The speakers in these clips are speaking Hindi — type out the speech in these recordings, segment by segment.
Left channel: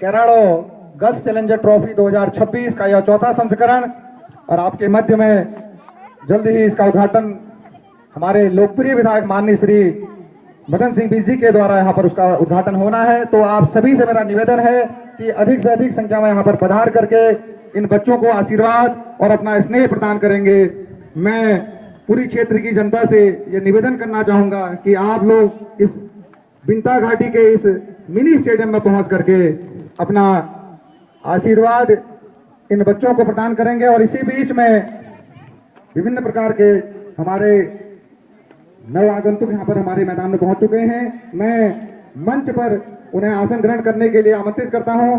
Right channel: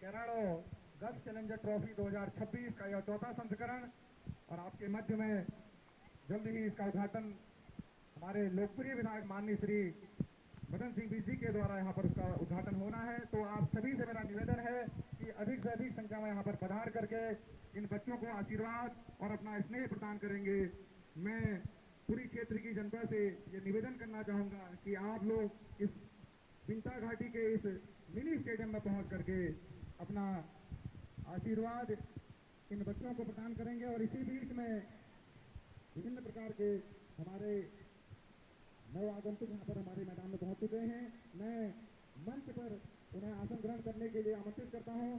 केराड़ो गर्ल्स चैलेंजर ट्रॉफी 2026 का यह चौथा संस्करण, और आपके मध्य में जल्द ही इसका उद्घाटन हमारे लोकप्रिय विधायक माननीय श्री मदन सिंह बीजी के द्वारा यहाँ पर उसका उद्घाटन होना है। तो आप सभी से मेरा निवेदन है कि अधिक से अधिक संख्या में यहाँ पर पधार करके इन बच्चों को आशीर्वाद और अपना स्नेह प्रदान करेंगे। मैं पूरी क्षेत्र की जनता से ये निवेदन करना चाहूंगा कि आप लोग इस बिंता घाटी के इस मिनी स्टेडियम में पहुंच करके अपना आशीर्वाद इन बच्चों को प्रदान करेंगे। और इसी बीच में विभिन्न प्रकार के हमारे नव आगंतुक यहाँ पर हमारे मैदान में पहुंच चुके हैं। मैं मंच पर उन्हें आसन ग्रहण करने के लिए आमंत्रित करता हूं।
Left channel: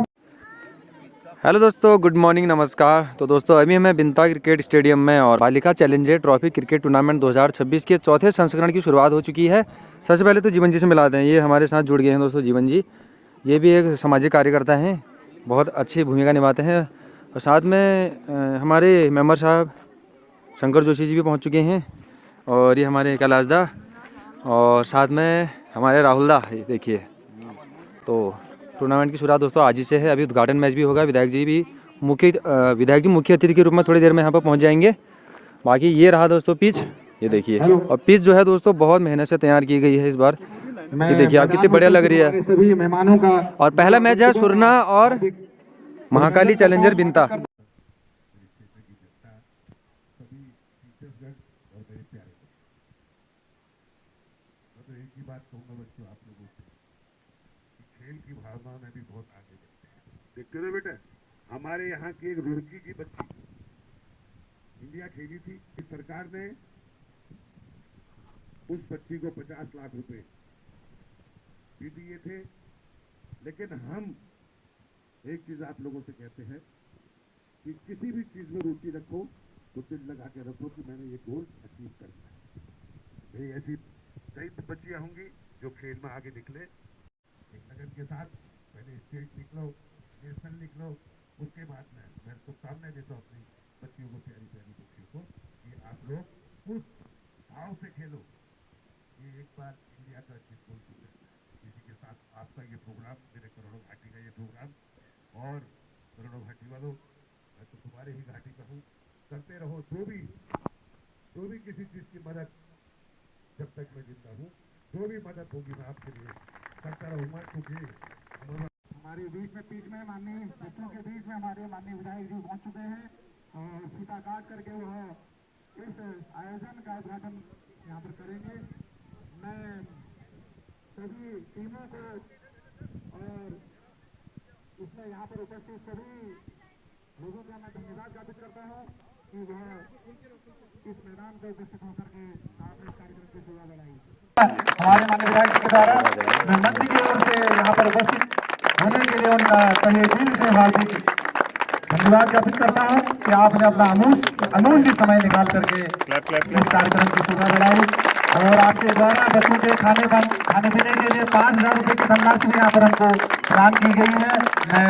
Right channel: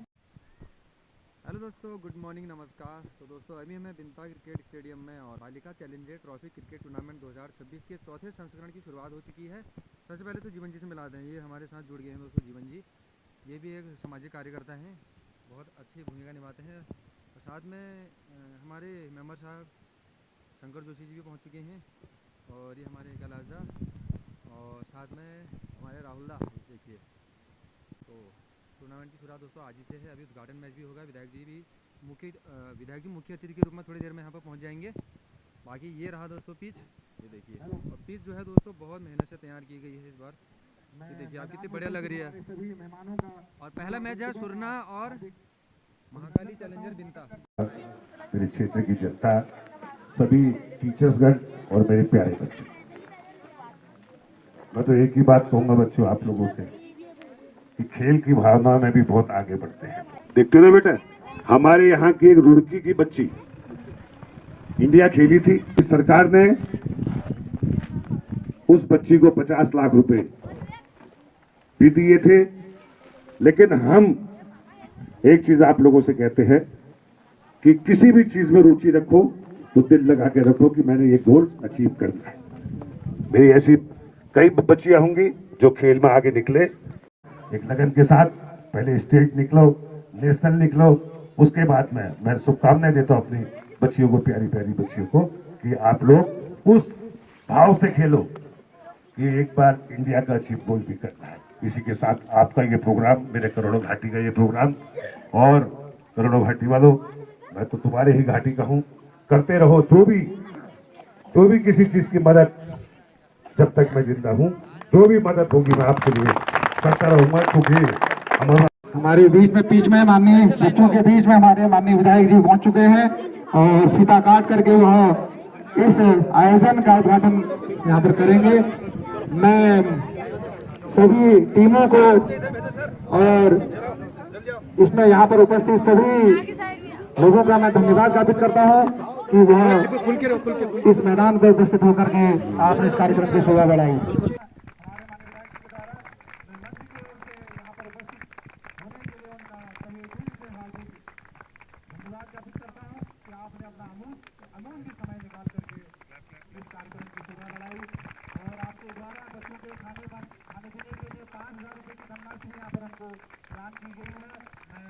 हेलो दोस्तों, गुड मॉर्निंग, नमस्कार। तो दोस्तों अभी हमें बिंता क्रिकेट स्टेडियम में और बालिका चैलेंजर ट्रॉफी क्रिकेट टूर्नामेंट 2026 के चौथे संस्करण की शुरुआत हो चुकी है। सबसे पहले तो जीवन जी से मिलाते हैं। ये हमारे साथ जुड़ गए हैं दोस्तों जीवन जी। ये भी एक सामाजिक कार्यकर्ता हैं, बहुत अच्छी भूमिका निभाते हैं। और साथ में हमारे मेंबर साहब शंकर जोशी जी भी पहुँच चुके हैं, और ये हमारे कैलाश दा, और साथ में हमारे राहुल दा। ये देखिए, तो टूर्नामेंट की शुरुआत दोस्तों आज ही से है। अभी उद्घाटन मैच भी होगा। विधायक जी मुख्य अतिथि के रूप में थोड़ी देर में यहाँ पर पहुँच जाएंगे। बाकी ये रहा दोस्तों पिच, ये देखिए। और पिच जो है दोस्तों बहुत मेहनत से तैयार की गई है इस बार। ये देखिए आप कितनी बढ़िया लग रही है। सभी मेहमानों का और पहला मैच है सुरना और महाकाली चैलेंजर बिंता। मेरे क्षेत्र की जनता, सभी टीचर्सगण और मेरे प्यारे बच्चे, मैं तो एक ही बात कहूंगा बच्चों आप लोगों से कि खेल की भावना में भी बहुत आगे बढ़ते हैं। देखते हो ना बेटा, हमारे यहाँ की एक रुड़की की बच्ची इंडिया खेली थी। सरकार ने उस बच्ची को 50 लाख रुपए भी दिए थे। लेकिन हम एक चीज आप लोगों से कहते हैं कि किसी भी चीज में रुचि रखो तो दिल लगा के रखो कि मैंने ये गोल अचीव करना है। मेरी ऐसी कई बच्चियां होंगी जो खेल में आगे निकले, एक लगन के साथ पहले स्टेट निकलो, नेशनल निकलो। उसके बाद में मैं शुभकामनाएं देता हूं अपनी बच्चियों को, प्यारी प्यारी बच्चियों को, कि आप लोग उस भाव से खेलो कि एक बार इंडिया का अचीव गोल भी करना है। इसी के साथ आपका ये प्रोग्राम, मेरे करोड़ों घाटी का ये प्रोग्राम, और करोड़ों घाटी वालों, मैं तो तुम्हारे ही घाटी का हूं, करते रहो। जो भी किसी चीज की मदद, जब तक मैं जिंदा हूं, जो भी मदद होगी मैं आपके लिए करता रहूंगा। क्योंकि हमारे बीच में माननीय बच्चों के बीच में हमारे माननीय विधायक जी पहुंच चुके हैं, और फीता काट करके वह इस आयोजन का उद्घाटन यहाँ पर करेंगे। मैं सभी टीमों को और इसमें यहाँ पर उपस्थित सभी लोगों का मैं धन्यवाद ज्ञापित करता हूँ कि वह इस मैदान पर उपस्थित होकर के आपने इस कार्यक्रम की शोभा बढ़ाई। हमारे माननीय विधायक जी के द्वारा मैं मंत्री की ओर से यहाँ पर उपस्थित होने के लिए उनका तहे दिल से हार्दिक धन्यवाद ज्ञापित करता हूँ कि आपने अपना अमूल्य समय निकाल करके इस कार्यक्रम की शोभा बढ़ाई। और आपके द्वारा बच्चों के खाने पीने के लिए 5,000 रुपये की धनराशि भी यहाँ पर हमको प्रदान की गई है। मैं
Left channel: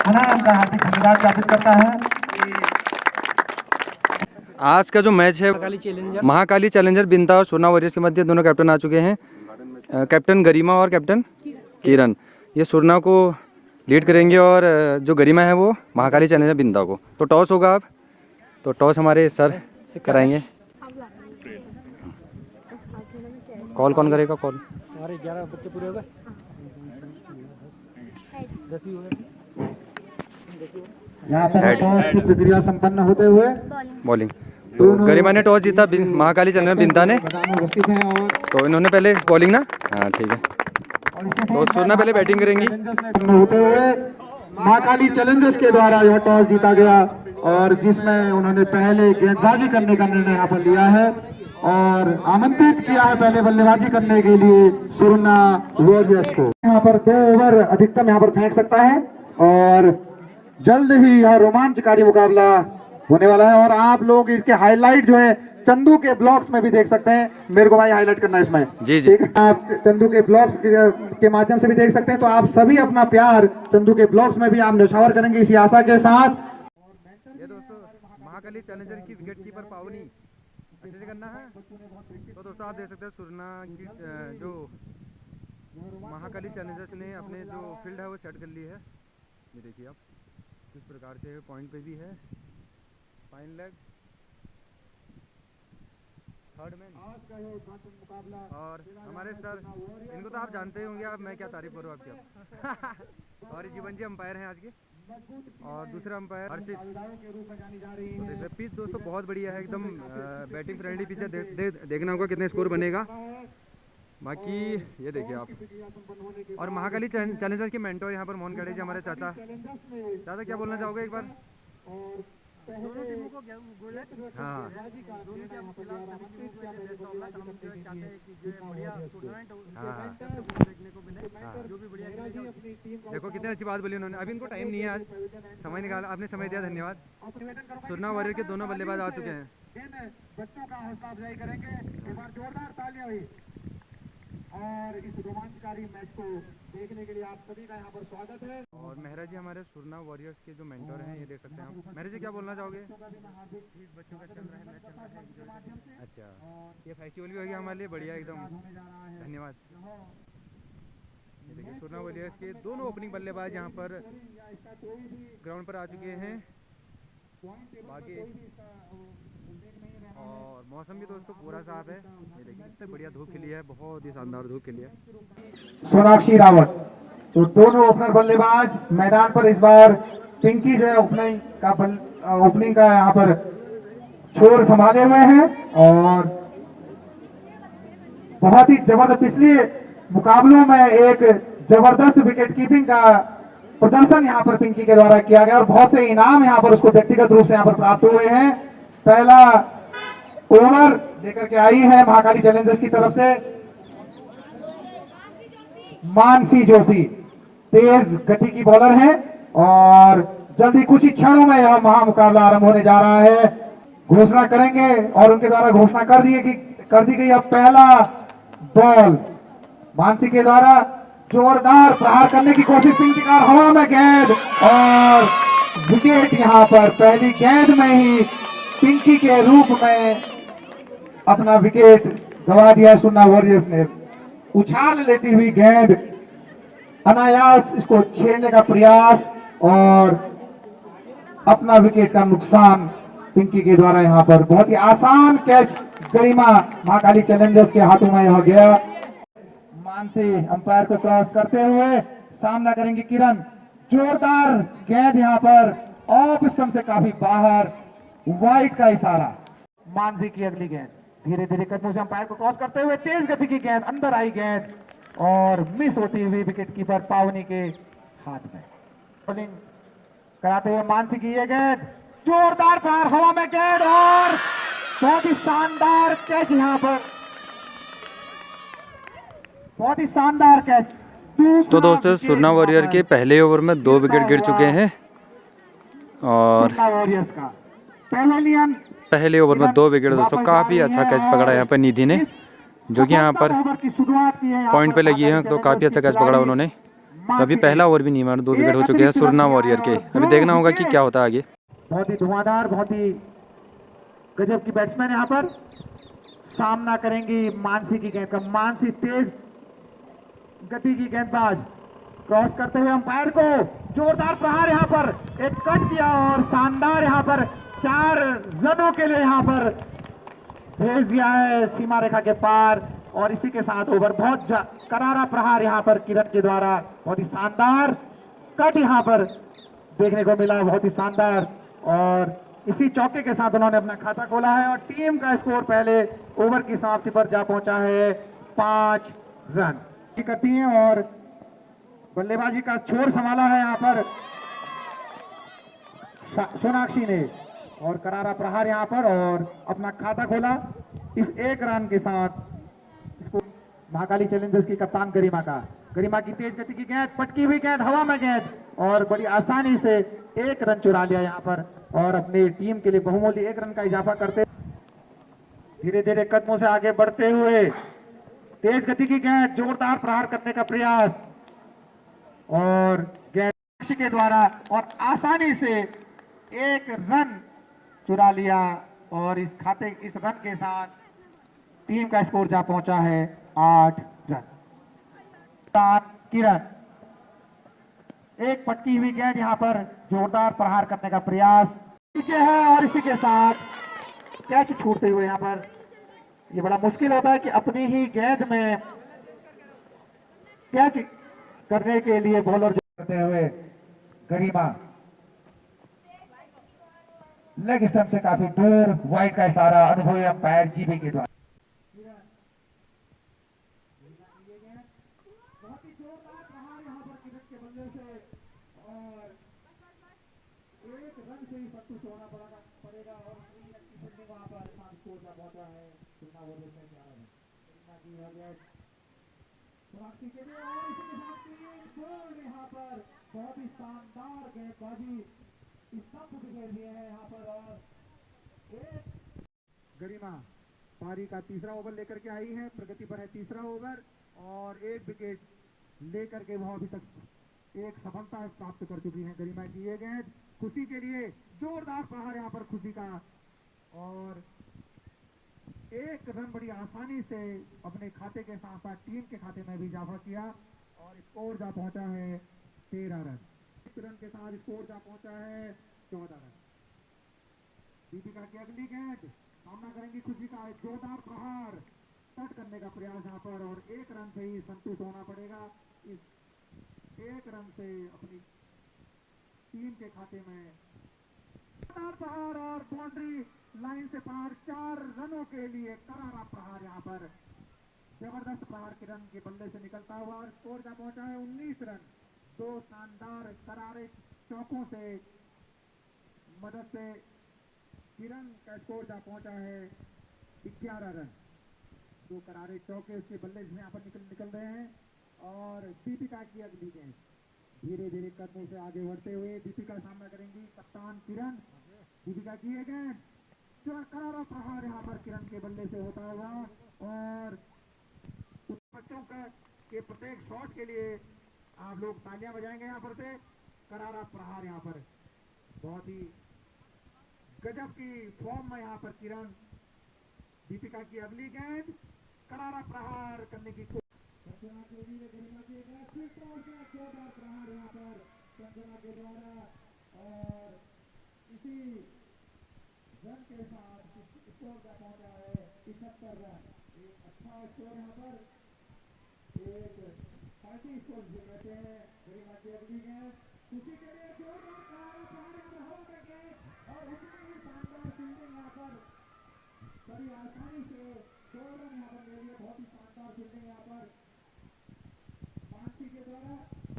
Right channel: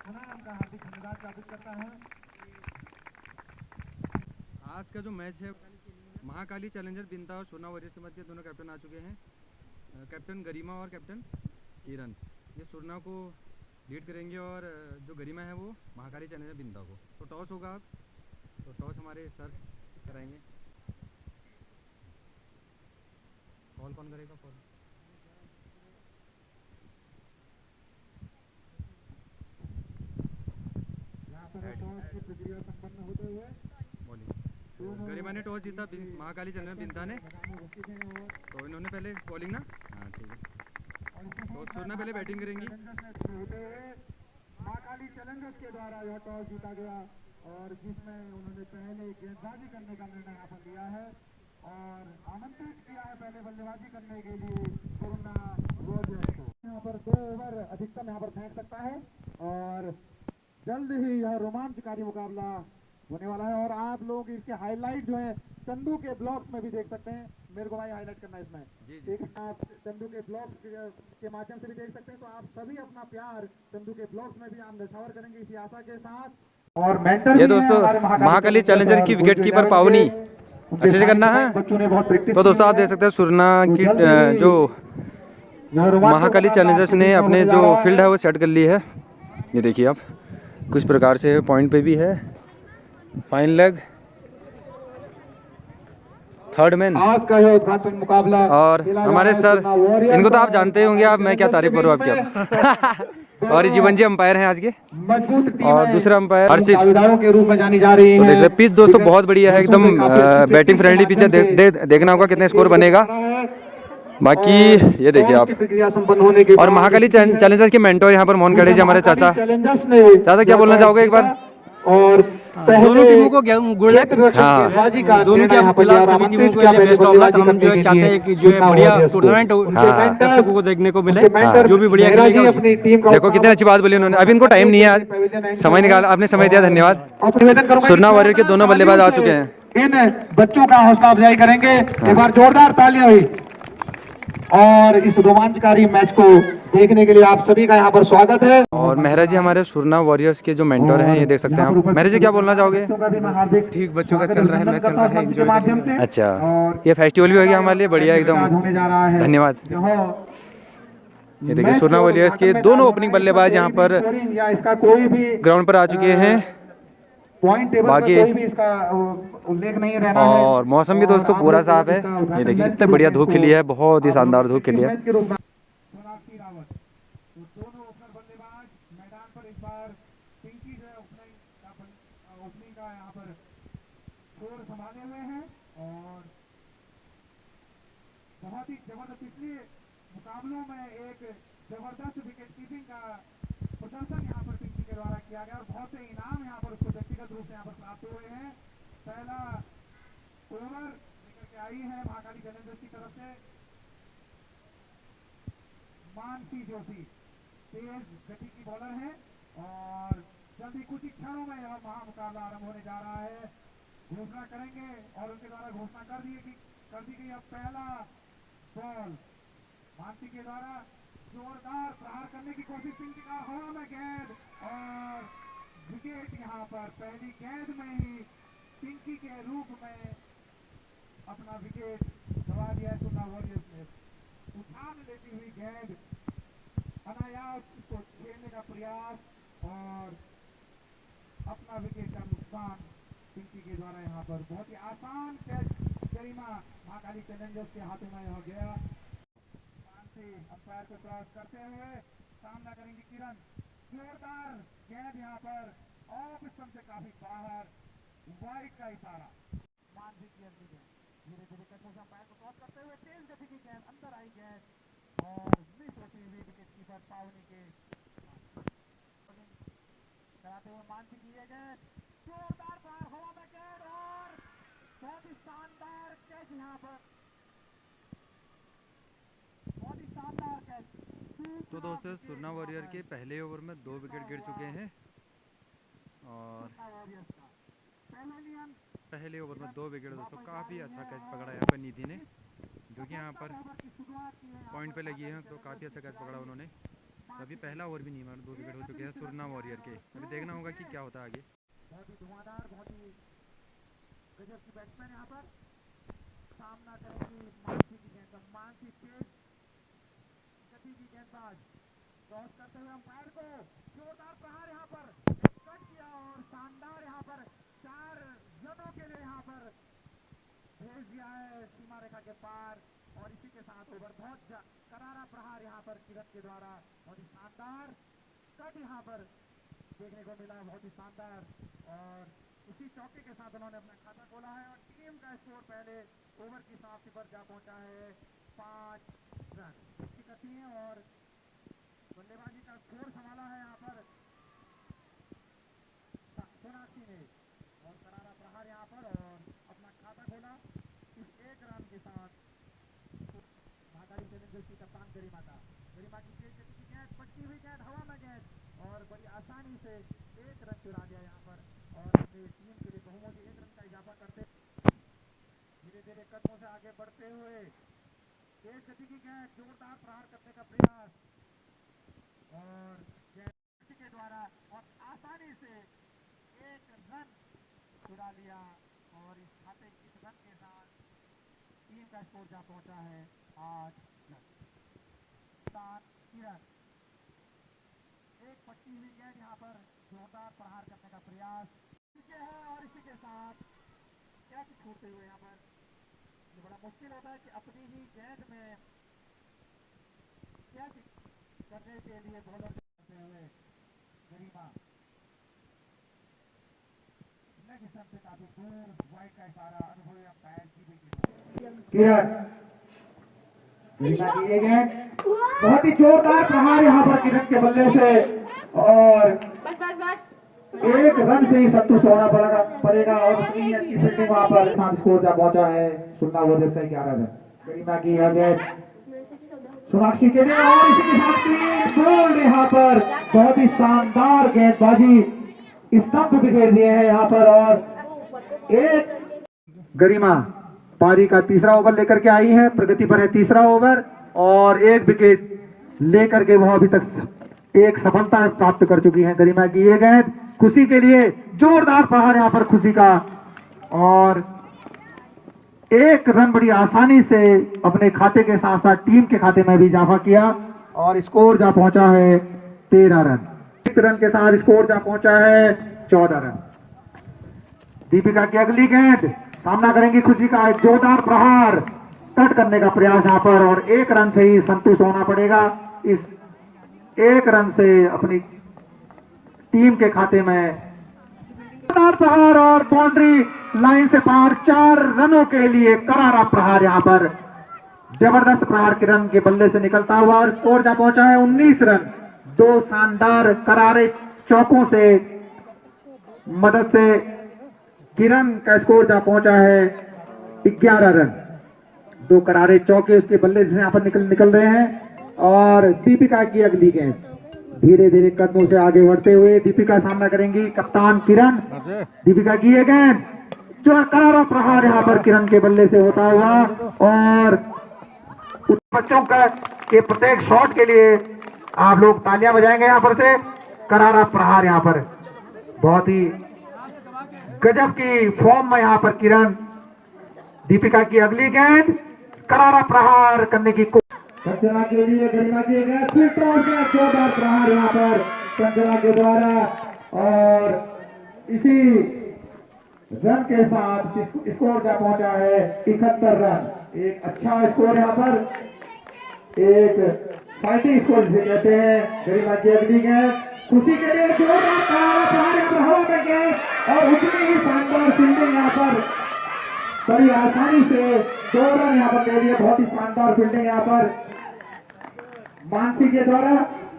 पुनः उनका हार्दिक धन्यवाद ज्ञापित करता हूँ। आज का जो मैच है महाकाली चैलेंजर बिंता और सोना वॉरियर्स के मध्य दोनों कैप्टन आ चुके हैं, कैप्टन गरिमा और कैप्टन किरण। ये सुरना को लीड करेंगे और जो गरिमा है वो महाकाली चैलेंजर बिंता को। तो टॉस होगा अब, तो टॉस हमारे सर कराएंगे। कॉल कौन करेगा? कॉल हमारे 11 बच्चे पूरे हो गए। यहाँ पर टॉस की प्रक्रिया संपन्न होते हुए बॉलिंग, तो गरिमा ने टॉस जीता, महाकाली चैलेंजर बिंता ने, उपस्थित हैं। और तो इन्होंने पहले बॉलिंग ना, हाँ ठीक है, तो सुरना पहले बैटिंग करेंगी। होते हुए महाकाली चैलेंजर्स के द्वारा यह टॉस जीता गया, और जिसमें उन्होंने पहले गेंदबाजी करने का निर्णय यहाँ पर लिया है और आमंत्रित किया है पहले बल्लेबाजी करने के लिए सुरना वॉरियर्स को। यहाँ पर 2 ओवर अधिकतम यहाँ पर फेंक सकता है, और जल्द ही यह रोमांचकारी मुकाबला होने वाला है। और आप लोग इसके हाईलाइट जो है चंदू के ब्लॉग्स में भी देख सकते हैं। मेरे को भाई हाईलाइट करना है इसमें, जी जी, आप चंदू के ब्लॉग्स के माध्यम से भी देख सकते हैं। तो आप सभी अपना प्यार चंदू के ब्लॉग्स में भी आप न्यौछावर करेंगे इसी आशा के साथ। और मेंटर ये दोस्तों महाकाली चैलेंजर की विकेट कीपर पावनी, अच्छे से करना है। तो दोस्तों आप देख सकते हैं सुरना की जो महाकाली चैलेंजर्स ने अपने जो फील्ड है वो सेट कर ली है। ये देखिए आप, कुछ प्रकार से पॉइंट पे भी है। Fine leg, third man. आज का यह उद्घाटन मुकाबला और खेला जा हमारे रहा है सर, सुन्ना वॉरियर्स इनको तो आप और जानते ही होंगे, आप मैं क्या तारीफ करूँ आपकी अब। और ये जीवन जी अंपायर हैं आज के। मजबूत टीम और है, दूसरा अंपायर हर्षित। दावेदारों के रूप में जानी जा रही तो है। देखिए पिच दोस्तों बहुत बढ़िया है, एकदम बैटिंग फ्रेंडली पिच है। देखना होगा कितने स्कोर बनेगा। बाकी ये देखिए आप, प्रक्रिया संपन्न होने के और बाद महाकाली चैलेंजर्स के मेंटोर यहाँ पर मोहनखेड़े जी हमारे चाचा। चैलेंजर्स ने चाचा क्या बोलना चाहोगे एक बार? और दोनों टीमों को गुड लक। हाँ। गेंदबाजी का दोनों के यहाँ पर खिलाफ लिया और सभी टीमों आमंत्रित के किया लिए पहले बेस्ट ऑफ लक। बल्लेबाजी हम जो करने है के चाहते लिए हैं कि जो है सुन्ना बढ़िया वॉरियर्स को। टूर्नामेंट उनके हाँ। मेंटर, दर्शकों को देखने को मिले, उनके मेंटर जो भी बढ़िया मेहरा जी खेलेगा अपनी टीम का देखो कितनी अच्छी बात बोली उन्होंने। अभी इनको टाइम नहीं है आज, समय निकाला, आपने समय दिया, धन्यवाद। और निवेदन करूंगा कि सुरना वॉरियर के दोनों बल्लेबाज आ चुके हैं। इन बच्चों का हौसला अफजाई करेंगे। एक बार जोरदार तालियां हुई। और इस रोमांचकारी मैच को देखने के लिए आप सभी का यहाँ पर स्वागत है। और मेहरा जी हमारे सुरना वॉरियर्स के जो मेंटोर हैं, ये देख सकते हैं आप। मेहरा जी क्या बोलना चाहोगे? ठीक, बच्चों का चल रहा है, मैच चल रहा है, एंजॉय करिए। अच्छा, ये फेस्टिवल भी हो गया हमारे लिए, बढ़िया एकदम, होने जा रहा है। धन्यवाद। ये देखिए सुरना वॉरियर्स के दोनों ओपनिंग बल्लेबाज यहाँ पर या इसका कोई भी ग्राउंड पर आ चुके हैं। पॉइंट टेबल बाकी में कोई भी इसका उल्लेख नहीं रहना है। और मौसम भी दोस्तों पूरा साफ है। ये देखिए कितने बढ़िया धूप खिली है, बहुत ही शानदार धूप खिली है। सोनाक्षी रावत, तो दोनों ओपनर बल्लेबाज मैदान पर इस बार पिंकी जो है ओपनिंग का यहाँ पर छोर संभाले हुए हैं। और बहुत ही जबरदस्त, पिछले मुकाबलों में एक जबरदस्त विकेट कीपिंग का प्रदर्शन यहाँ पर पिंकी के द्वारा किया गया और बहुत से इनाम यहाँ पर उसको व्यक्तिगत रूप से यहाँ पर प्राप्त हुए हैं। पहला ओवर लेकर के आई है महाकाली चैलेंजर्स की तरफ से मानसी जोशी, तेज गति की बॉलर है और जल्दी कुछ ही क्षणों में यह महामुकाबला आरंभ होने जा रहा है। घोषणा करेंगे और उनके द्वारा घोषणा कर दी गई। अब पहला बॉल मानसी के द्वारा जोरदार प्रहार करने की कोशिश, पिंकी का हवा में गेंद और विकेट। यहां पर पहली गेंद में ही पिंकी के रूप में अपना विकेट गंवा दिया सुन्ना वॉरियर्स ने। उछाल लेती हुई गेंद, अनायास इसको छेड़ने का प्रयास और अपना विकेट का नुकसान पिंकी के द्वारा यहां पर। बहुत ही आसान कैच गरिमा महाकाली चैलेंजर्स के हाथों में यह गया। मानसी अंपायर को क्रॉस करते हुए सामना करेंगे किरण। जोरदार गेंद यहां पर ऑफ स्टंप से काफी बाहर, वाइड का इशारा। मानसी की अगली गेंद धीरे धीरे कदमों से अंपायर को क्रॉस करते हुए तेज गति की गेंद, अंदर आई गेंद और मिस होती हुई विकेट कीपर पावनी के हाथ में। बॉलिंग कराते हुए मानसी की ये गेंद, जोरदार प्रहार, हवा में गेंद और बहुत ही शानदार कैच यहाँ पर, बहुत ही शानदार कैच। तो दोस्तों सुरना वॉरियर के पहले ओवर में 2 विकेट गिर चुके हैं और वॉरियर्स का पेवेलियन पहले ओवर में 2 विकेट दोस्तों। काफ़ी अच्छा कैच पकड़ा यहाँ पर निधि ने, जो कि यहाँ पर पॉइंट पे लगी है, तो काफ़ी अच्छा कैच पकड़ा उन्होंने। तो अभी पहला ओवर भी नहीं मारा, 2 विकेट हो चुके हैं सुरना वॉरियर के। अभी देखना होगा कि क्या होता है आगे। बहुत ही धुआंधार, बहुत ही गजब की बैट्समैन यहाँ पर सामना करेंगी मानसी की गेंद का। मानसी तेज गति की गेंदबाज, क्रॉस करते हुए अंपायर को जोरदार प्रहार, यहाँ पर एक कट दिया और शानदार यहाँ पर 4 रनों के लिए यहाँ पर भेज दिया है सीमा रेखा के पार। और इसी के साथ ओवर, बहुत करारा प्रहार यहाँ पर किरण के द्वारा, बहुत ही शानदार कट यहाँ पर देखने को मिला, बहुत ही शानदार। और इसी चौके के साथ उन्होंने अपना खाता खोला है और टीम का स्कोर पहले ओवर की समाप्ति पर जा पहुंचा है 5 रन करती है। और बल्लेबाजी का छोर संभाला है यहाँ पर सोनाक्षी ने और करारा प्रहार यहाँ पर और अपना खाता खोला इस 1 रन के साथ। इसको महाकाली चैलेंजर्स की कप्तान गरिमा की तेज गति की गेंद, पटकी हुई गेंद, हवा में गेंद और बड़ी आसानी से 1 रन चुरा लिया यहाँ पर और अपनी टीम के लिए बहुमूल्य 1 रन का इजाफा करते धीरे धीरे कदमों से आगे बढ़ते हुए तेज गति की गेंद, जोरदार प्रहार करने का प्रयास और गेंद के द्वारा और आसानी से 1 रन चुरा लिया। और इस रन के साथ टीम का स्कोर जा पहुंचा है 8 रन। किरण एक पटकी हुई गेंद यहाँ पर जोरदार प्रहार करने का प्रयास पीछे है और इसी के साथ कैच छूटते हुए यहाँ पर ये बड़ा मुश्किल होता है कि अपनी ही गेंद में कैच करने के लिए बॉलर करते हुए गरिमा लेग स्टंप से काफी दूर वाइड का इशारा अनुभवी अंपायर जीबी के द्वारा किरण गरिमा की ये गेंद बहुत ही जोरदार प्रहार यहाँ पर किरण के बल्ले से और एक रन से ही संतुष्ट होना पड़ेगा और उतनी अच्छी फील्डिंग वहां पर स्कोर जा पहुंचा है 16 से 11 रन गरिमा की यह गेंद सोनाक्षी के लिए और इसी के साथ 3 गोल यहाँ पर बहुत ही शानदार गेंदबाजी स्टंप बिखेर दिए हैं यहाँ पर और एक गरिमा पारी का तीसरा ओवर लेकर के आई है प्रगति पर है तीसरा ओवर और एक विकेट लेकर के वह अभी तक एक सफलता प्राप्त कर चुकी है गरिमा की ये गेंद खुशी के लिए जोरदार प्रहार यहाँ पर खुशी का और एक रन बड़ी आसानी से अपने खाते के साथ साथ टीम के खाते में भी इजाफा किया और स्कोर जा पहुंचा है 13 रन 1 रन के साथ स्कोर जा पहुंचा है 14 रन दीपिका की अगली गेंद सामना करेंगी खुशी का एक जोरदार प्रहार कट करने का प्रयास यहाँ पर और 1 रन से ही संतुष्ट होना पड़ेगा इस 1 रन से अपनी टीम के खाते में जोरदार प्रहार और बाउंड्री लाइन से पार 4 रनों के लिए करारा प्रहार यहाँ पर जबरदस्त प्रहार किरण के बल्ले से निकलता हुआ और स्कोर जा पहुंचा है 19 रन 2 शानदार करारे चौकों से मदद से किरण का स्कोर जा पहुंचा है 11 रन 2 करारे चौके उसके बल्ले से यहाँ पर निकल रहे हैं और दीपिका की अगली गेंद धीरे धीरे कदमों से आगे बढ़ते हुए दीपिका सामना करेंगी कप्तान किरण दीपिका की ये गेंद जो करारा प्रहार यहाँ पर किरण के बल्ले से होता हुआ और बच्चों का के प्रत्येक शॉट के लिए आप लोग तालियां बजाएंगे यहाँ पर से करारा प्रहार यहाँ पर बहुत ही गजब की फॉर्म में यहाँ पर किरण दीपिका की अगली गेंद करारा प्रहार करने की कंचना के लिए गरिमा की गेंद फिर जोरदार प्रहार यहाँ पर कंचना के द्वारा और इसी रन के साथ स्कोर जा पहुंचा है 71 रन एक अच्छा स्कोर यहाँ पर एक फाइटिंग स्कोर जिसे कहते हैं गरिमा की अगली गेंद खुशी के लिए जोरदार प्रहार यहाँ पर हवा में गेंद और उतनी ही शानदार फील्डिंग यहाँ पर बड़ी आसानी से 2 रन यहाँ पर ले लिए बहुत ही शानदार फील्डिंग यहाँ पर मानसी के द्वारा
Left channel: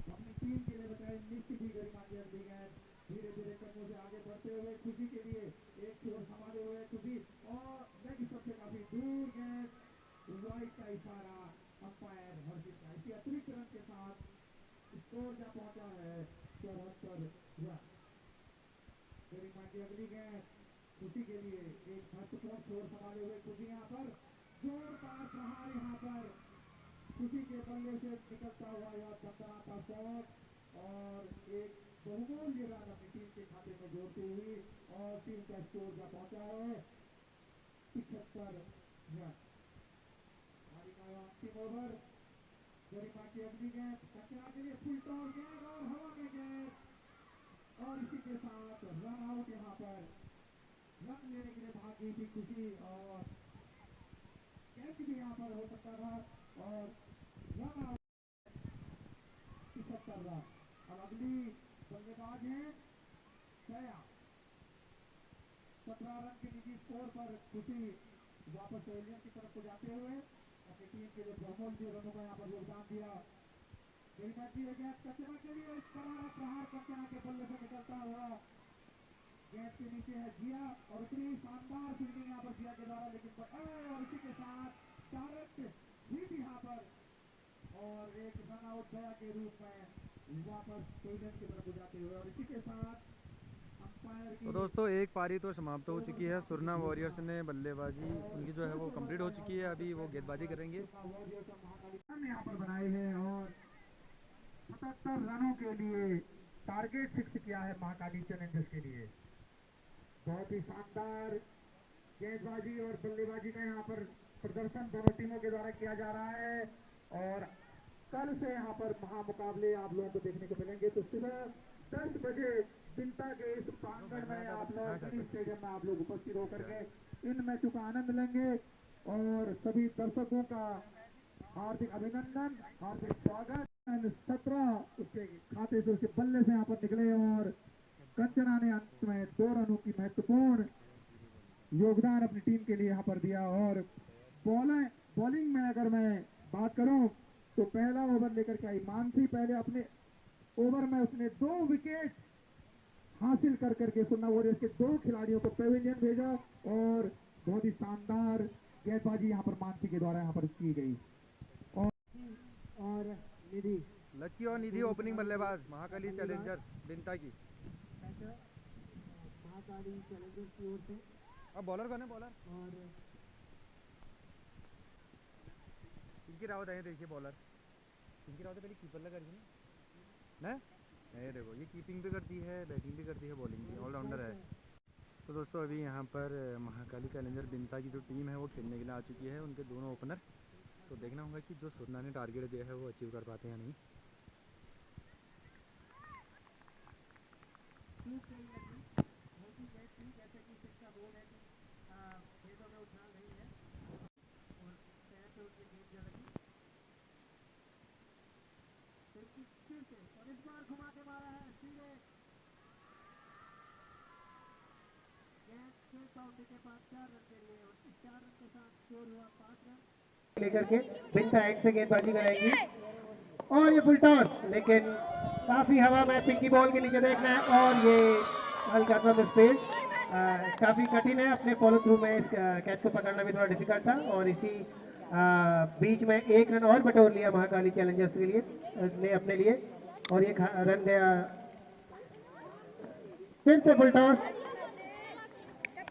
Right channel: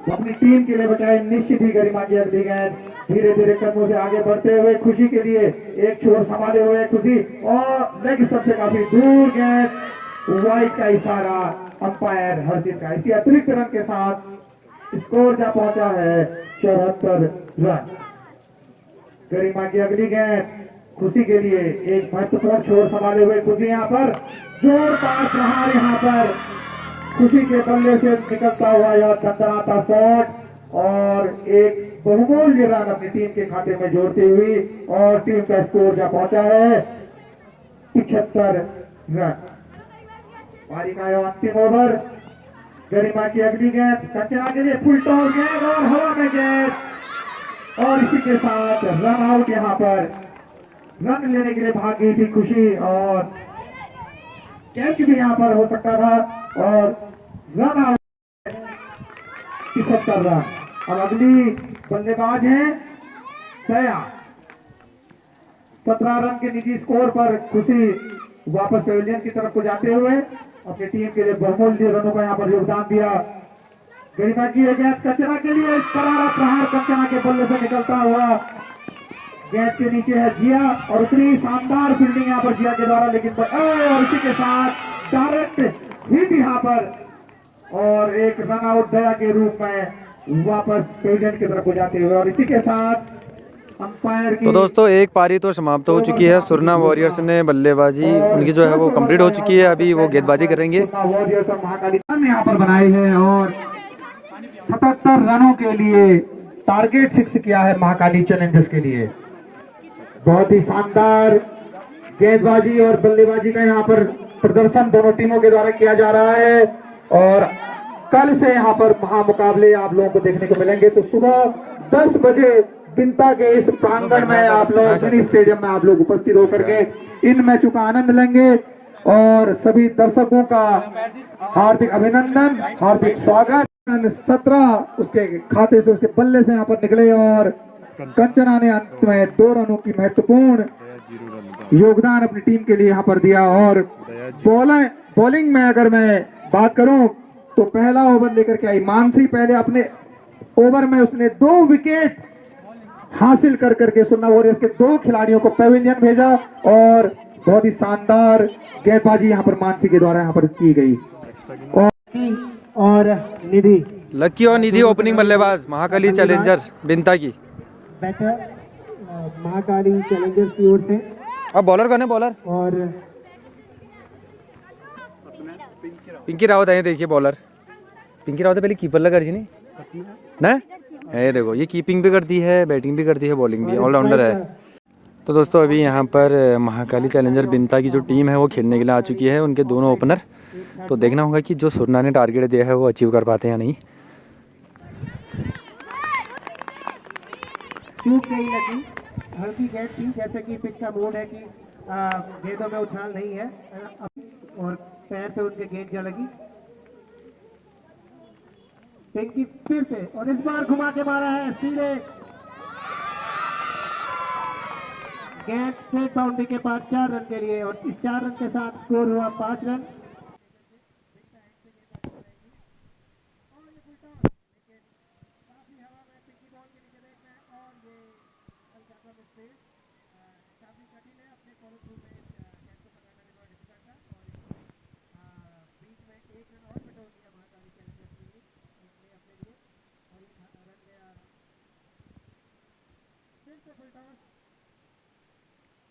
अपनी टीम के लिए बचाए निश्चित ही गरिमा की अगली गेंद धीरे धीरे कदमों से आगे बढ़ते हुए खुशी के लिए एक छोर संभाले हुए खुशी और लेग स्टंप से काफी दूर गेंद वाइड का इशारा अंपायर हर्षित का इसी अतिरिक्त रन के साथ स्कोर जा पहुंचा है 74 रन गरिमा की अगली गेंद खुशी के लिए एक महत्वपूर्ण छोर संभाले हुए खुशी यहाँ पर जोरदार प्रहार यहाँ पर खुशी के बल्ले से निकलता हुआ यह दंदनाता शॉट और एक बहुमूल्य रन अपनी टीम के खाते में जोड़ती हुई और टीम का स्कोर जा पहुंचा है 75 रन पारी का यह अंतिम ओवर गरिमा की अगली गेंद कंचना के लिए फुल टॉस गेंद और हवा में गेंद और इसी के साथ रन आउट यहाँ पर रन लेने के लिए भागी थी खुशी और कैच भी यहाँ पर हो सकता था और रन आउट 75 रन अब अगली बल्लेबाज है सया 17 रन के निजी स्कोर पर खुशी वापस पेविलियन की तरफ को जाते हुए अपनी टीम के लिए बहुमूल्य रनों का यहाँ पर योगदान दिया गरिमा की गेंद कंचना के लिए करारा प्रहार कंचना के बल्ले से निकलता हुआ गेंद के नीचे है जिया और उतनी शानदार फील्डिंग यहाँ पर जिया के द्वारा लेकिन और इसी के साथ डायरेक्ट हिट यहाँ पर और एक रन आउट दया के रूप में वापस पेविलियन की तरफ को जाते हुए और इसी के साथ अंपायर की तो दोस्तों एक पारी तो समाप्त हो चुकी है सुरना वॉरियर्स ने बल्लेबाजी उनकी जो है वो कंप्लीट हो चुकी है अभी वो गेंदबाजी करेंगे वॉरियर्स और महाकाली यहाँ पर बनाए हैं और 77 रनों के लिए टारगेट फिक्स किया है महाकाली चैलेंजर्स के लिए बहुत ही शानदार गेंदबाजी और बल्लेबाजी का यहाँ पर प्रदर्शन दोनों टीमों के द्वारा किया जा रहा है और कल से यहाँ पर महामुकाबले आप लोगों को देखने को मिलेंगे। तो सुबह 10 बजे बिंता के इस प्रांगण में आप लोग मिनी स्टेडियम में आप लोग उपस्थित होकर के इन मैचों का आनंद लेंगे और सभी दर्शकों का हार्दिक अभिनंदन, हार्दिक स्वागत। 17 उसके खाते से, उसके बल्ले से यहाँ पर निकले और कंचना ने अंत में 2 रनों की महत्वपूर्ण योगदान अपनी टीम के लिए यहाँ पर दिया। और बॉलिंग में अगर मैं बात करूं तो पहला ओवर लेकर के आई मानसी। पहले अपने ओवर में उसने 2 विकेट हासिल कर करके सुन्ना वॉरियर्स के 2 खिलाड़ियों को पेविलियन भेजा और बहुत ही शानदार गेंदबाजी यहाँ पर मानसी के द्वारा यहाँ पर की गई। और निधि, लक्की और निधि ओपनिंग बल्लेबाज महाकाली चैलेंजर्स बिंता की। बैटर महाकाली चैलेंजर्स की ओर से। अब बॉलर कौन है? बॉलर और पिंकी रावत है, देखिए बॉलर पिंकी रावत है। पहले कीपर लगा रही नहीं ना, ये देखो ये कीपिंग भी करती है, बैटिंग भी करती है, बॉलिंग भी, ऑलराउंडर है। तो दोस्तों अभी यहाँ पर महाकाली चैलेंजर बिंता की जो टीम है वो खेलने के लिए आ चुकी है, उनके दोनों ओपनर। तो देखना होगा कि जो सुरना ने टारगेट दिया है वो अचीव कर पाते हैं या नहीं। चूक गई लगी, हल्की गेंद थी, जैसे कि पिच का मोड है कि गेंदों में उछाल नहीं है और पैर से उनके गेंद जा लगी। पिंकी फिर से और इस बार घुमा के मारा है सीधे गेंद से बाउंड्री के पास 4 रन के लिए और इस 4 रन के साथ स्कोर हुआ 5 रन लेकर के बिंता एंड से गेंदबाजी कराएंगी और ये फुल टॉस, लेकिन काफी हवा में पिंकी बॉल के नीचे देखना है और ये हल्का सा मिसफील्ड, काफी कठिन है। अपने फॉलो थ्रू में इस कैच को पकड़ना भी थोड़ा डिफिकल्ट था और इसी बीच में 1 रन और बटोर लिया महाकाली चैलेंजर्स के लिए ने अपने लिए और ये रन गया फिर से फुल टॉस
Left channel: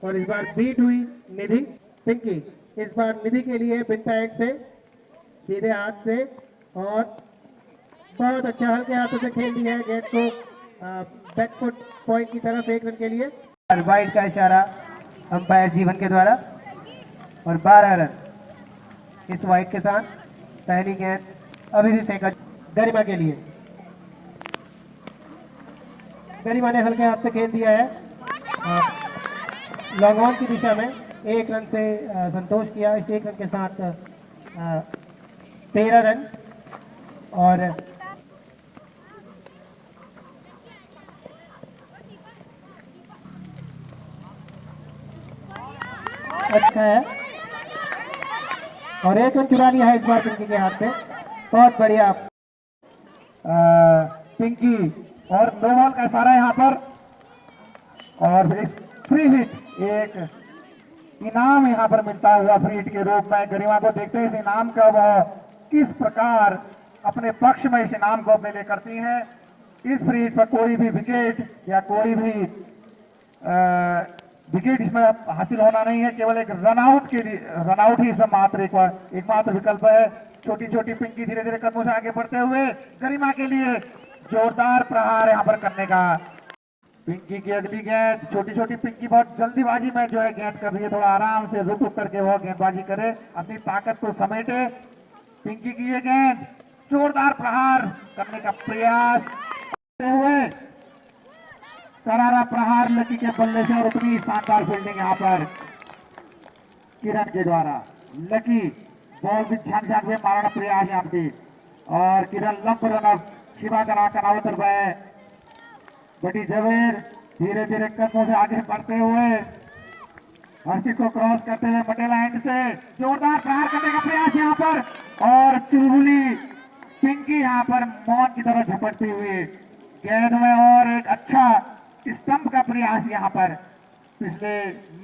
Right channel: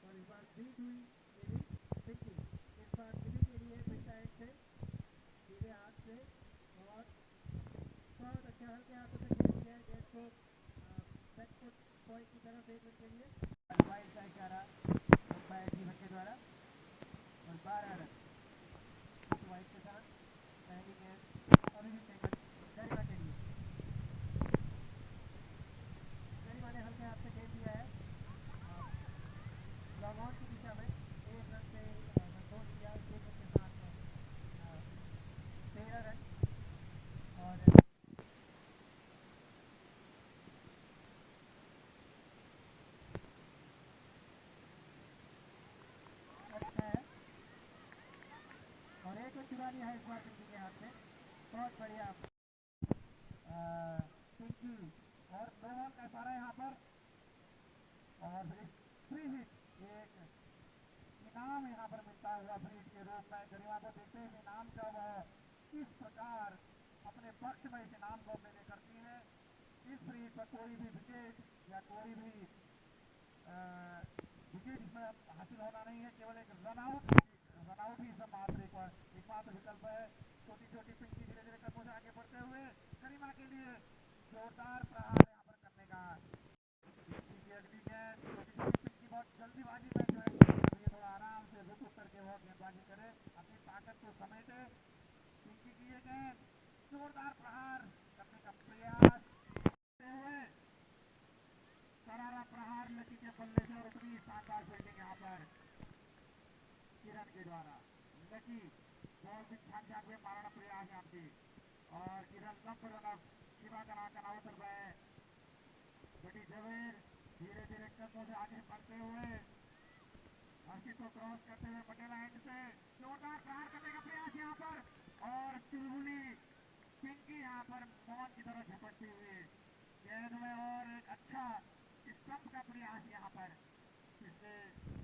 और इस बार बीट हुई निधि पिंकी। इस बार निधि के लिए बिंता एंड से सीधे हाथ से और बहुत अच्छा हल्के हाथों से खेल दिया है गेंद को बैकफुट पॉइंट की तरफ 1 रन के लिए। वाइड का इशारा अंपायर जीवन के द्वारा और 12 रन इस वाइड के साथ। पहली गेंद अभी भी फेंका गरिमा के लिए, गरिमा ने हल्के हाथ से खेल दिया है लॉन्ग ऑन की दिशा में। 1 रन से संतोष किया, इस 1 रन के साथ 13 रन और अच्छा है और 1 रन चुरा लिया है इस बार पिंकी के हाथ से। बहुत बढ़िया पिंकी और नो बॉल का इशारा यहाँ पर और एक फ्री हिट, एक इनाम यहाँ पर मिलता हुआ फ्री हिट के रूप में। गरिमा को देखते हैं इस इनाम का वह किस प्रकार अपने पक्ष में इस इनाम को अपने लिए करती हैं। इस फ्री हिट पर कोई भी विकेट या कोई भी विकेट इसमें हासिल होना नहीं है, केवल एक रनआउट के लिए, रनआउट ही इसमें मात्र एकमात्र विकल्प है। छोटी छोटी पिंकी धीरे धीरे कदमों से आगे बढ़ते हुए गरिमा के लिए जोरदार प्रहार यहाँ पर करने का। पिंकी की अगली गेंद, छोटी छोटी पिंकी बहुत जल्दीबाजी में जो है गेंद कर रही है, थोड़ा आराम से रुक करके वो गेंदबाजी करे, अपनी ताकत को समेटे। पिंकी की ये गेंद जोरदार प्रहार करने का प्रयास करते हुए करारा प्रहार लकी के बल्ले से और उतनी शानदार फील्डिंग यहाँ पर किरण के द्वारा। लकी बॉल भी झांक झांक में मारना प्रयास यहाँ पे और किरण लंब रन शिवा करा करावतर गए। बटी जवेर धीरे धीरे कदमों से आगे बढ़ते हुए हर्षित को क्रॉस करते हुए पटेल एंड से जोरदार प्रहार करने का प्रयास यहाँ पर और चुलबुली पिंकी यहाँ पर मौन की तरफ झपटती हुई गेंद में और एक अच्छा स्टंप का प्रयास यहाँ पर पिछले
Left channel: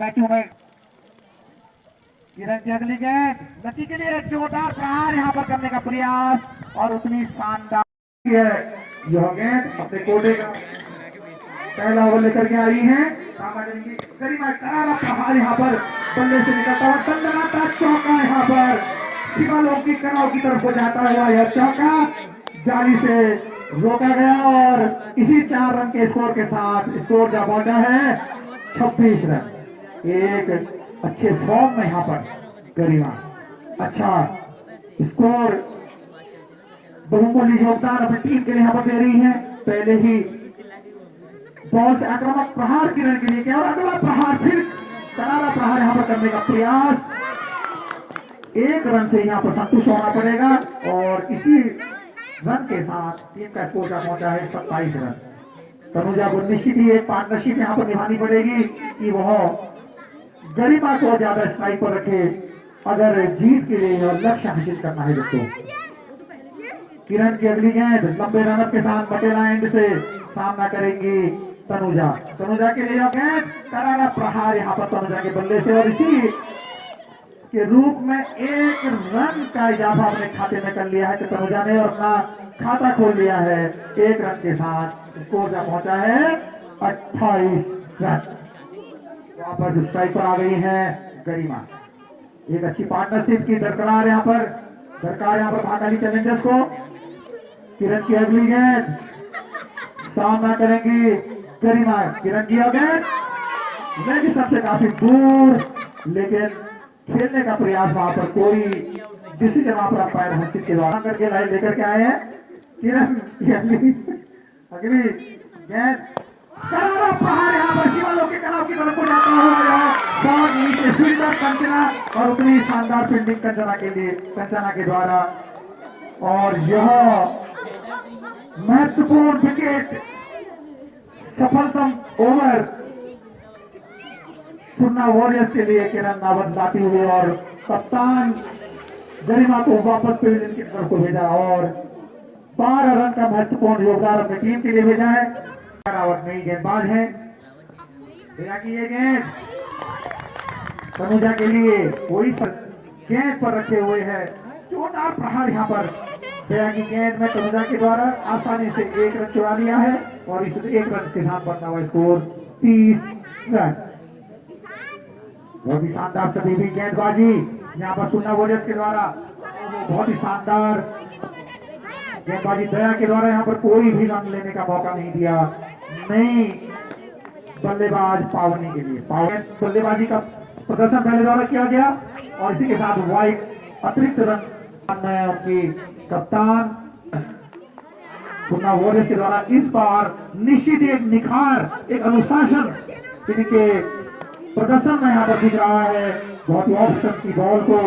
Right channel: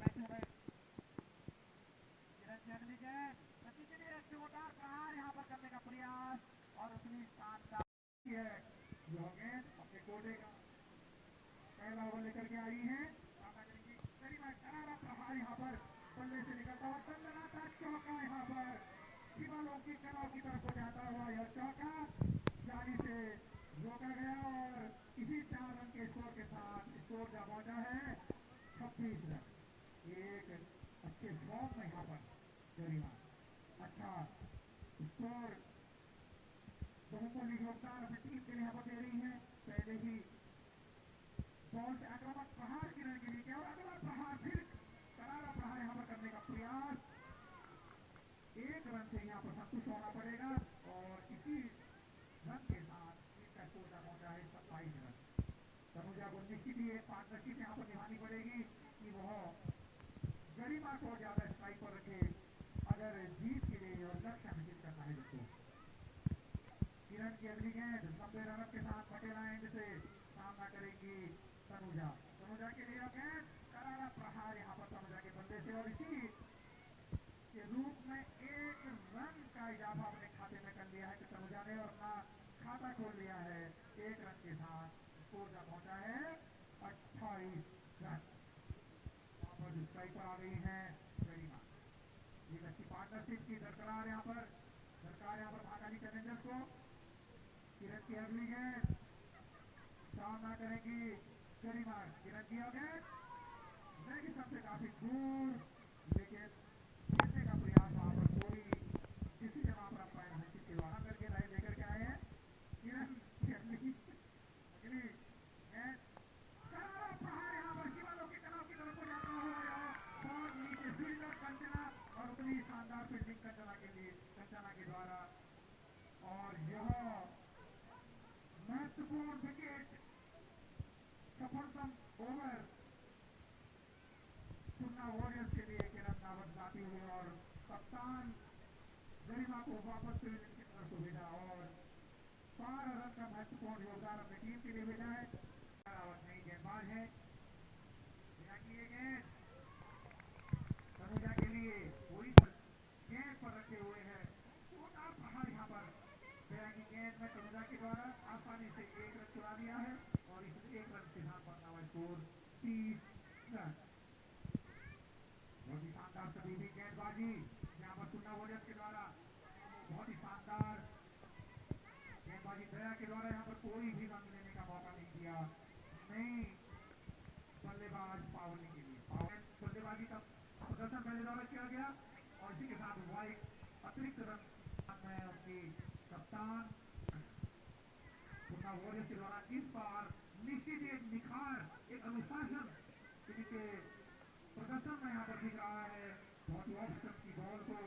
मैचों में। किरण की अगली गेंद लकी के लिए जोरदार प्रहार यहाँ पर करने का प्रयास और उतनी शानदार है यह गेंद अपने कोटे का पहला ओवर लेकर के आई है। गरिमा करारा प्रहार यहाँ पर बल्ले से निकलता हुआ दंडनाता चौका यहाँ पर शिवालोक की कनाव की तरफ को जाता हुआ यह चौका जाली से रोका गया और इसी 4 रन के स्कोर के साथ स्कोर जा पहुंचा है 26 रन। एक अच्छे फॉर्म में यहाँ पर गरिमा अच्छा स्कोर बहुमूल्य योगदान अपनी टीम के लिए यहाँ पर दे रही है। पहले ही बॉल से आक्रामक प्रहार किरण के लिए क्या, और अगला प्रहार फिर करारा प्रहार यहाँ पर करने का प्रयास। एक रन से यहाँ पर संतुष्ट होना पड़ेगा और इसी रन के साथ टीम का स्कोर का पहुंचा है 27 रन। तनुजा को निश्चित ही एक पार्टनरशिप यहाँ पर निभानी पड़ेगी कि वह गरिमा को ज्यादा स्ट्राइक पर रखे अगर जीत के लिए और लक्ष्य हासिल करना है दोस्तों। किरण की अगली गेंद लंबे रनअप के साथ मटेला एंड से सामना करेंगी तनुजा। तनुजा के लिए गेंद करारा प्रहार यहाँ पर तनुजा के बल्ले से, और इसी के रूप में एक रन का इजाफा अपने खाते में कर लिया है कि तनुजा ने अपना खाता खोल लिया है। एक रन के साथ स्कोर का पहुंचा है 28 रन। वापस स्ट्राइक पर आ गई है गरिमा। एक अच्छी पार्टनरशिप की दरकार यहाँ पर भागाली चैलेंजर्स को। किरण की अगली गेंद सामना करेंगी गरिमा। किरण की गेंद लेकिन सबसे काफी दूर, लेकिन खेलने का प्रयास वहां पर कोई डिसीजन वहां पर अंपायर हंसित के द्वारा करके लाइन लेकर के आए हैं। किरण की अगली गेंद करारा प्रहार यहाँ पर शिवालों के कलाव की तरफ को जाता हुआ बहुत नीचे फील्डर कंचना, और उतनी शानदार फील्डिंग कंचना के द्वारा। और यह महत्वपूर्ण विकेट सफलतम ओवर सुन्ना वॉरियर्स के लिए किरण नावत लाती हुई, और कप्तान गरिमा को वापस पेविलियन की तरफ को भेजा और 12 रन का महत्वपूर्ण योगदान अपनी टीम के लिए भेजा है। रावत नई गेंदबाज है। ये गेंद तनुजा के लिए वही गेंद पर रखे हुए है। जोरदार प्रहार यहाँ पर दया की गेंद में तनुजा के द्वारा आसानी से एक रन चुरा लिया है, और इस एक रन के साथ बनता हुआ स्कोर 30 रन। बहुत ही शानदार सभी भी गेंदबाजी यहाँ पर सुन्ना वॉरियर्स के द्वारा, बहुत ही शानदार गेंदबाजी दया के द्वारा। यहाँ पर कोई भी रन लेने का मौका नहीं दिया। नई बल्लेबाज पावनी के लिए बल्लेबाजी का प्रदर्शन पहले द्वारा किया गया, और इसी के साथ वाइट अतिरिक्त रन में उनकी कप्तान सुन्ना वॉरियर्स के द्वारा इस बार निश्चित एक निखार, एक अनुशासन इनके प्रदर्शन में यहाँ पर दिख रहा है। बहुत ही ऑप्शन की बॉल को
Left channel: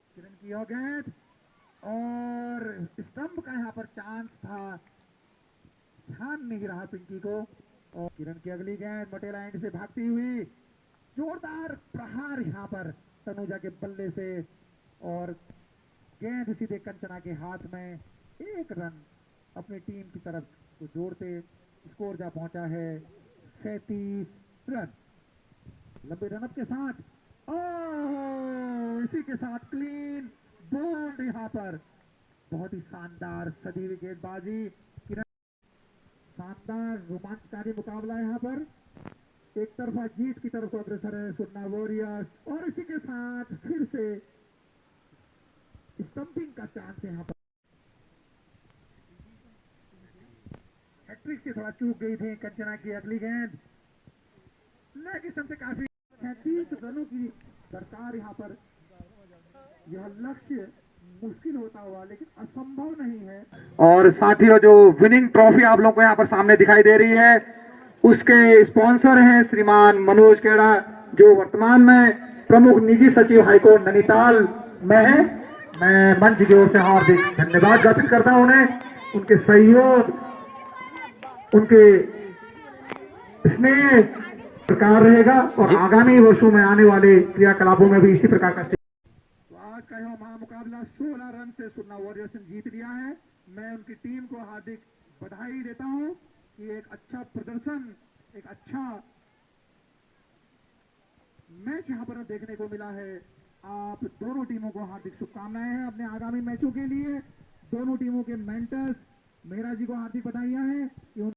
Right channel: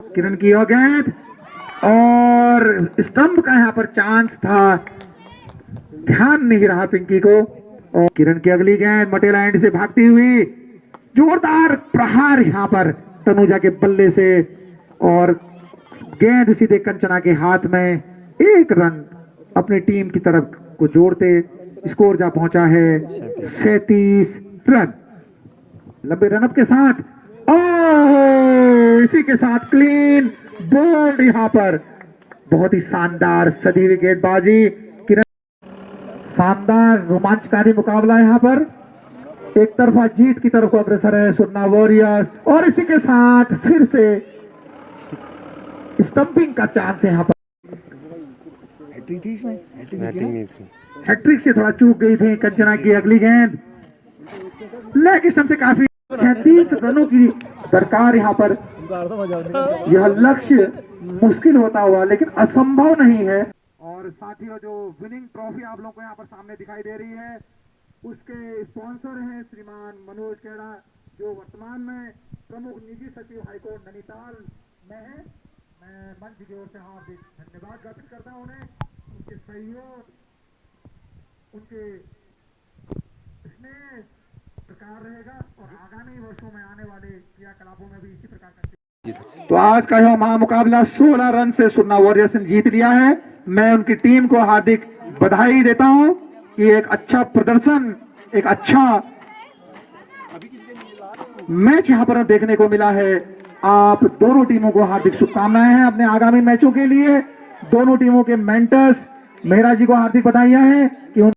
किरण की गेंद, और स्टंप का यहाँ पर चांस था, ध्यान नहीं रहा पिंकी को। और किरण की अगली गेंद मटेला एंड से भागती हुई जोरदार प्रहार यहाँ पर तनुजा के बल्ले से, और गेंद सीधे कंचना के हाथ में। एक रन अपनी टीम की तरफ को जोड़ते स्कोर जा पहुंचा है 37 रन। लंबे रनअप के साथ इसी के साथ क्लीन बोल्ड यहाँ पर बहुत ही शानदार सदी हुई गेंदबाजी। शानदार रोमांचकारी मुकाबला यहाँ पर, एक तरफा जीत की तरफ को अग्रसर है सुन्ना वॉरियर्स, और इसी के साथ फिर से स्टंपिंग का चांस है यहाँ पर। हैट्रिक से थोड़ा चूक गई थी कंचना की अगली गेंद, लेग स्टंप से काफी 36 रनों की दरकार यहाँ पर। यह लक्ष्य मुश्किल होता हुआ लेकिन असंभव नहीं है। और साथियों, जो विनिंग ट्रॉफी आप लोगों को यहाँ पर सामने दिखाई दे रही है, उसके स्पॉन्सर हैं श्रीमान मनोज खेड़ा, जो वर्तमान में प्रमुख निजी सचिव हाईकोर्ट नैनीताल में है। मैं मंच की ओर से हार्दिक धन्यवाद ज्ञापित करता हूं उन्हें, उनके सहयोग, उनके स्नेह प्रकार रहेगा, और आगामी वर्षों में आने वाले क्रियाकलापों में भी इसी प्रकार का। तो आज का यह महामुकाबला 16 रन से सुन्ना वॉरियर्स ने जीत लिया है। मैं उनकी टीम को हार्दिक बधाई देता हूं कि एक अच्छा प्रदर्शन, एक अच्छा मैच यहां पर देखने को मिला है। आप दोनों टीमों को हार्दिक शुभकामनाएं हैं अपने आगामी मैचों के लिए। दोनों टीमों के मेंटर्स मेहरा जी को हार्दिक बधाइयां हैं कि